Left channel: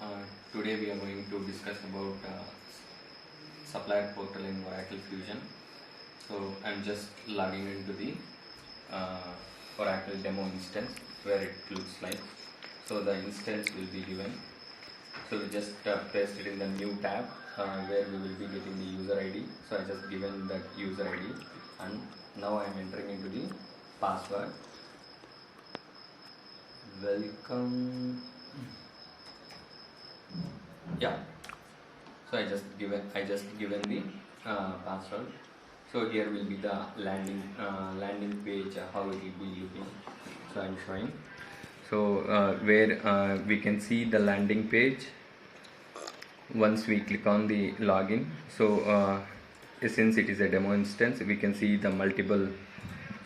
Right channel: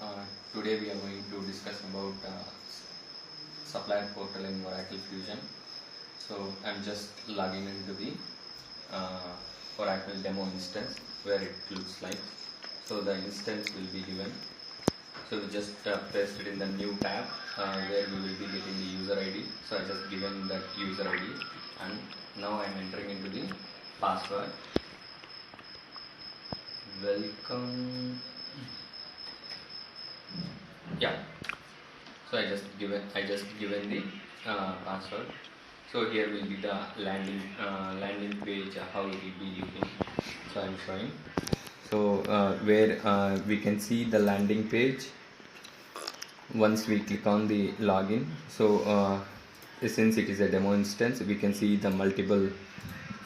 Uh, Today we are going to discuss about supplier portal in Oracle Fusion. So I'm just logging into the Oracle demo instance where it looks like. So the instance will be given. So we just paste it in the new tab where we will be getting the user ID. So I just given that user ID and now I am entering into the password. Welcome. Yeah, so I just given the password. So here will be the landing page, how it will be looking. So I'm showing. So where we can see the landing page once we click on the login. So since it is a demo instance, we can see the multiple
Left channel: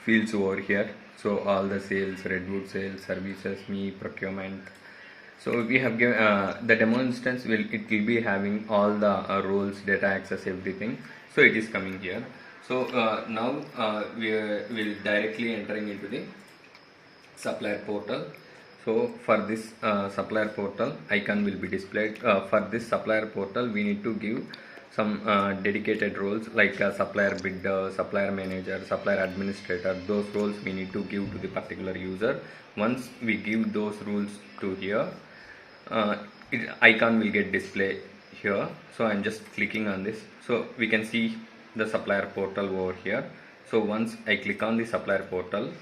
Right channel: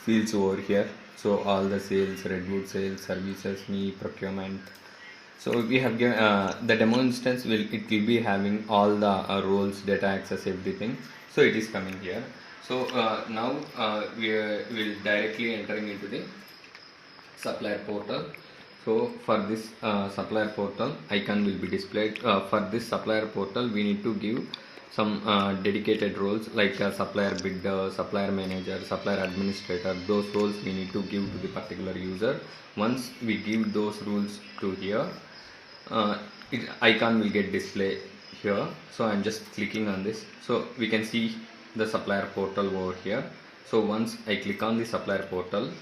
fields over here. So all the sales, Redwood sales, services, me, procurement. So we have given the demo instance will be having all the roles, data access, everything. So it is coming here. So now we will directly entering into the supplier portal. So for this supplier portal icon will be displayed. For this supplier portal we need to give some dedicated roles like supplier bidder, supplier manager, supplier administrator. Those roles we need to give to the particular user. Once we give those rules to here, icon will get displayed here. So I'm just clicking on this. So we can see the supplier portal over here. So once I click on the supplier portal,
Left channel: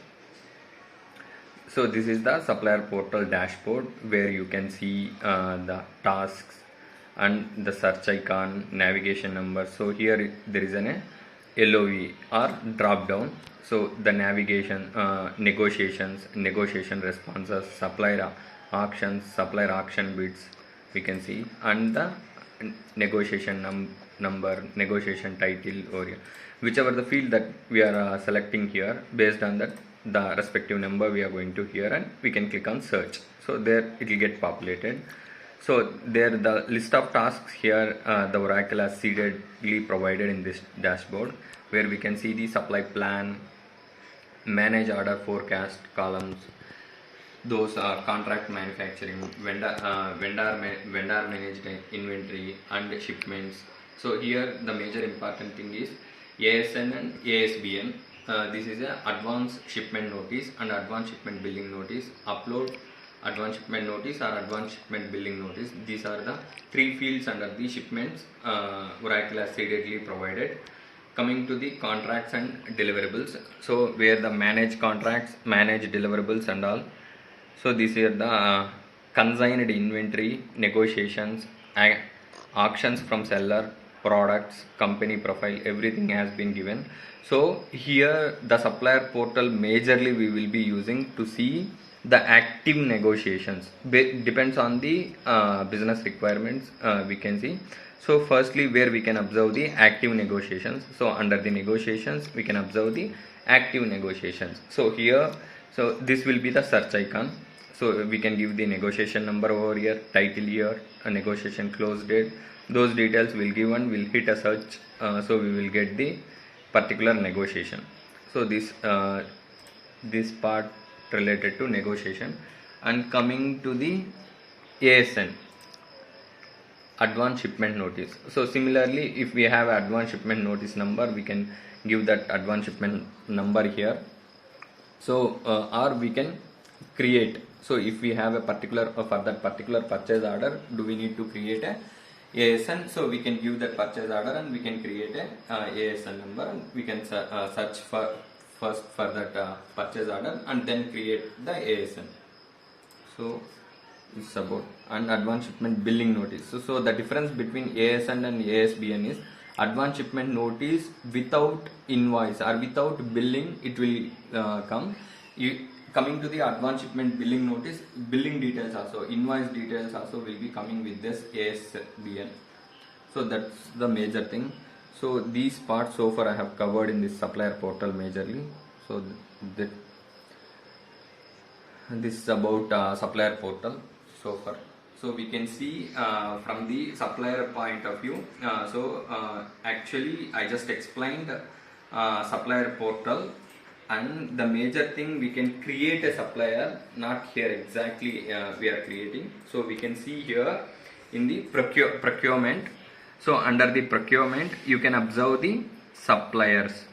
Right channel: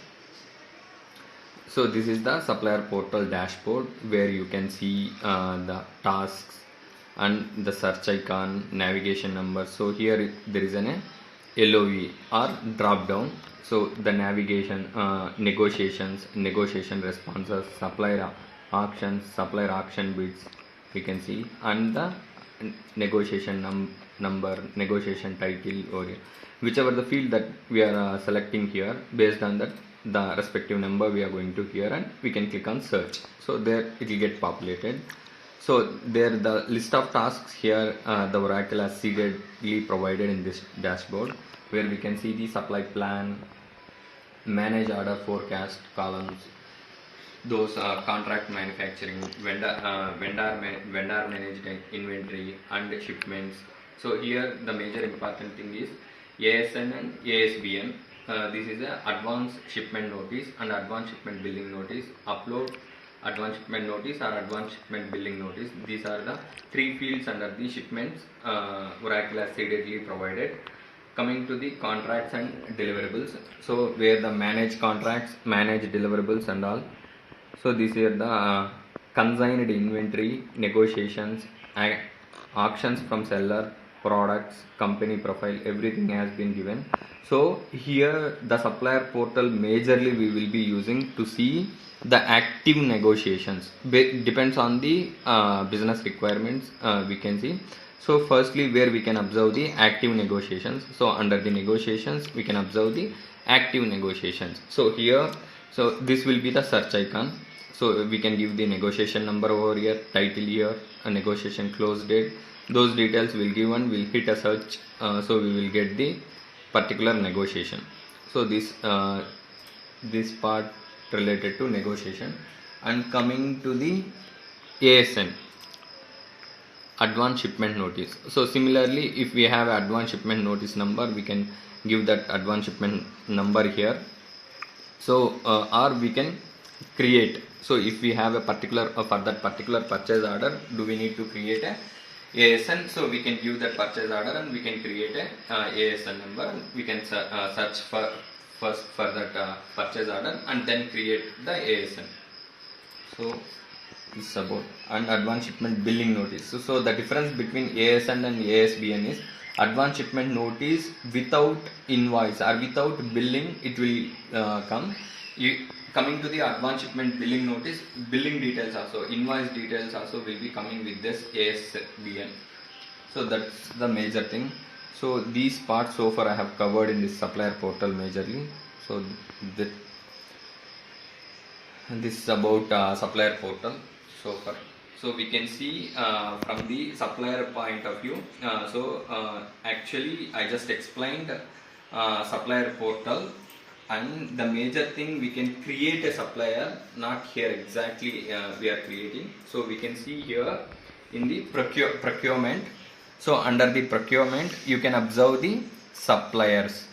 so this is the supplier portal dashboard where you can see the tasks and the search icon, navigation number. So here there is an LOE or drop down. So the navigation, negotiations, negotiation responses, supplier auctions, supplier auction bids we can see, and the negotiation number, negotiation title, or whichever the field that we are selecting here. Based on that, the respective number we are going to here, and we can click on search. So there it will get populated. So there the list of tasks here the Oracle has seededly provided in this dashboard, where we can see the supply plan, manage order forecast columns, those contract manufacturing, vendor managed inventory and shipments. So here the major important thing is ASN and ASBN. This is a advance shipment notice and advance shipment billing notice. Upload advance shipment notice or advance shipment billing notice. These are the three fields under the shipments Oracle has seededly provided. Coming to the contracts and deliverables, so where the manage contracts, manage deliverables and all. So these are the consigned inventory, negotiations, auctions from seller, products, company profile, everything has been given. So here the supplier portal majorly we will be using to see the active negotiations. Depends on the business requirements we can see. So firstly where we can observe the active negotiations. So under the negotiations we can observe the active negotiations. So here, so this will be the search icon. So we can give the negotiation number over here, title here, a negotiation close date. Those details will give and we'll hit a search. So we will get the particular negotiation. So this part related to negotiation. And coming to the ASN, advance shipment notice. So similarly, if we have advance shipment notice number, we can give that advance shipment number here. So or we can create. So if we have a particular for that particular purchase order, do we need to create a ASN? So we can give that purchase order and we can create a ASN number, and we can search for first for that purchase order and then create the ASN. So this is about and advance shipment billing notice. So the difference between ASN and ASBN is advance shipment notice without invoice or without billing it will come. Coming to the advance shipment billing notice, billing details also, invoice details also will be coming with this ASBN. So that's the major thing. So these parts so far I have covered in this supplier portal majorly. So this is about supplier portal so far. So we can see from the supplier point of view. Actually I just explained supplier portal And the major thing, we can create a supplier, not here exactly we are creating. So we can see here in the procurement. So under the procurement, you can observe the suppliers.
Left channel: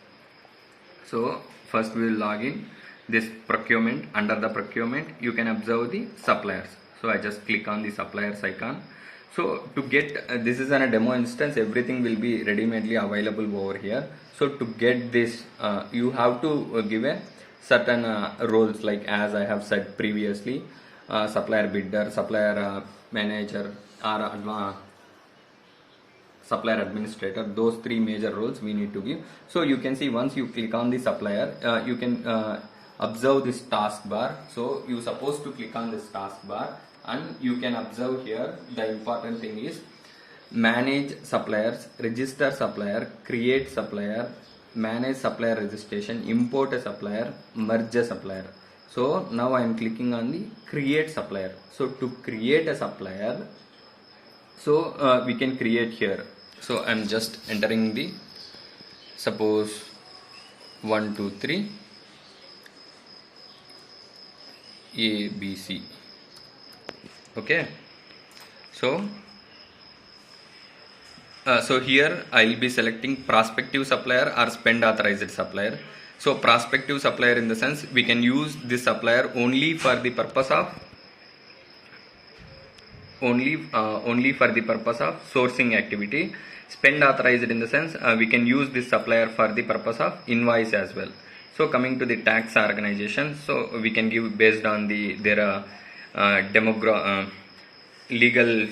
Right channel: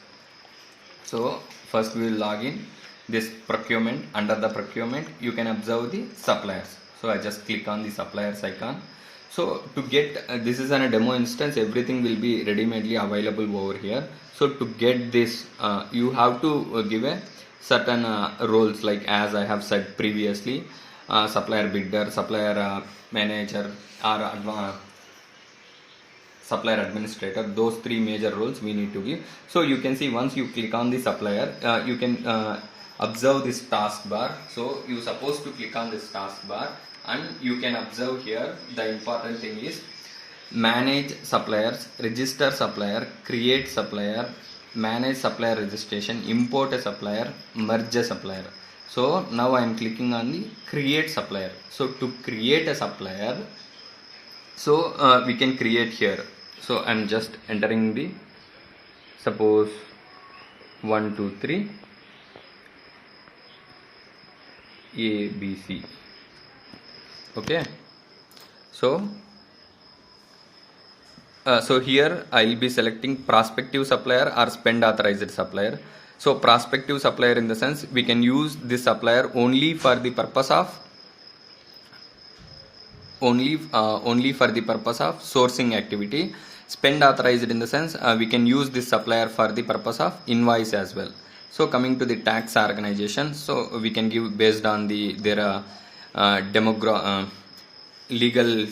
So first we will log in this procurement. Under the procurement, you can observe the suppliers. So I just click on the suppliers icon. So to get this is a demo instance, everything will be ready-madely available over here. So to get this, you have to give a certain roles, like as I have said previously, supplier bidder, supplier manager, or supplier administrator. Those three major roles we need to give. So you can see once you click on the supplier, you can observe this taskbar. So you supposed to click on this taskbar, and you can observe here the important thing is manage suppliers, register supplier, create supplier, manage supplier registration, import a supplier, merge a supplier. So now I am clicking on the create supplier. So to create a supplier, so we can create here. So I am just entering the, suppose 1 2 3 ABC. Okay, so here I will be selecting prospective supplier or spend authorized supplier. So prospective supplier, in the sense we can use this supplier only for the purpose of sourcing activity. Spend authorized, in the sense we can use this supplier for the purpose of invoice as well. So coming to the tax organization, so we can give based on their legal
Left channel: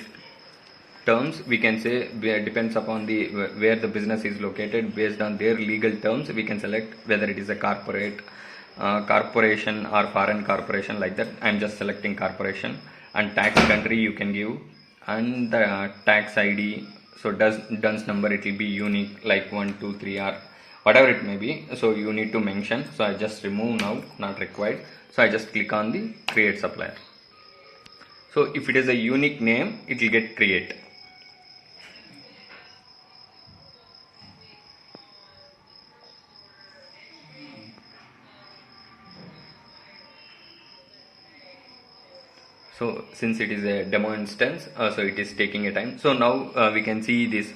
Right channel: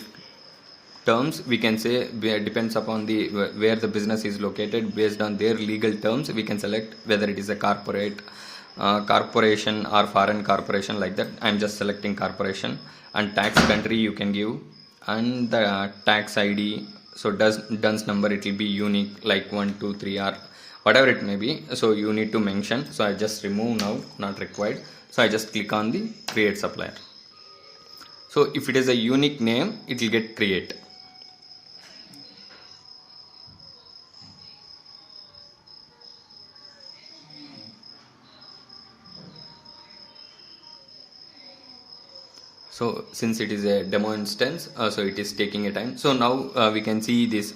terms. We can say depends upon the where the business is located. Based on their legal terms, we can select whether it is a corporation or foreign corporation, like that. I am just selecting corporation. And tax country you can give, and the tax ID. So DUNS number, it will be unique, like 1 2 3 or whatever it may be. So you need to mention. So I just remove now, not required. So I just click on the create supplier. So if it is a unique name, it will get create. So since it is a demo instance, so it is taking a time. So now we can see this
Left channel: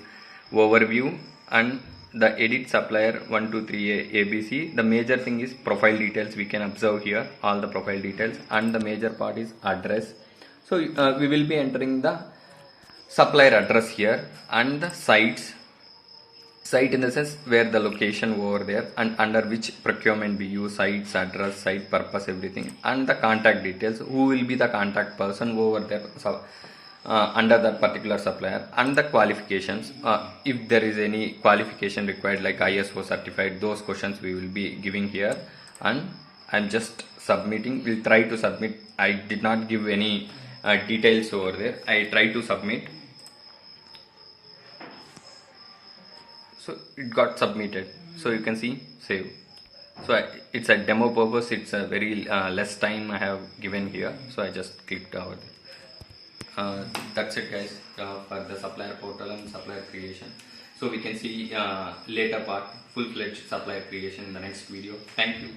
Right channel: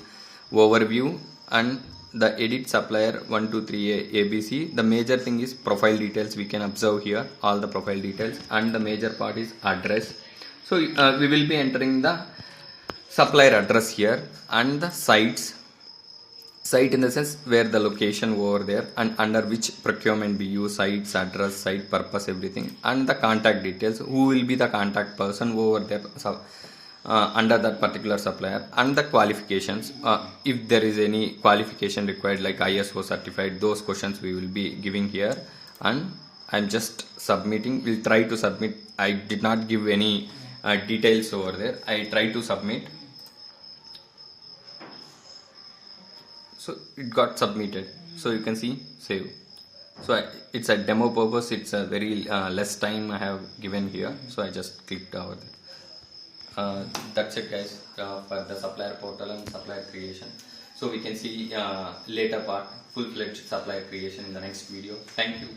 overview and the edit supplier 1 2 3 ABC. The major thing is profile details. We can observe here all the profile details, and the major part is address. So we will be entering the supplier address here, and the site, in the sense where the location over there, and under which procurement we use, sites, address, site purpose, everything, and the contact details, who will be the contact person over there. So under that particular supplier, and the qualifications, if there is any qualification required like ISO certified, those questions we will be giving here. And I'm just submitting. We'll try to submit. I did not give any details over there. I try to submit. So it got submitted. So you can see save. So it's a demo purpose. It's a very less time I have given here. So I just clicked over there. That's it, guys, for the supplier portal and supplier creation. So we can see later part, full-fledged supplier creation in the next video. Thank you.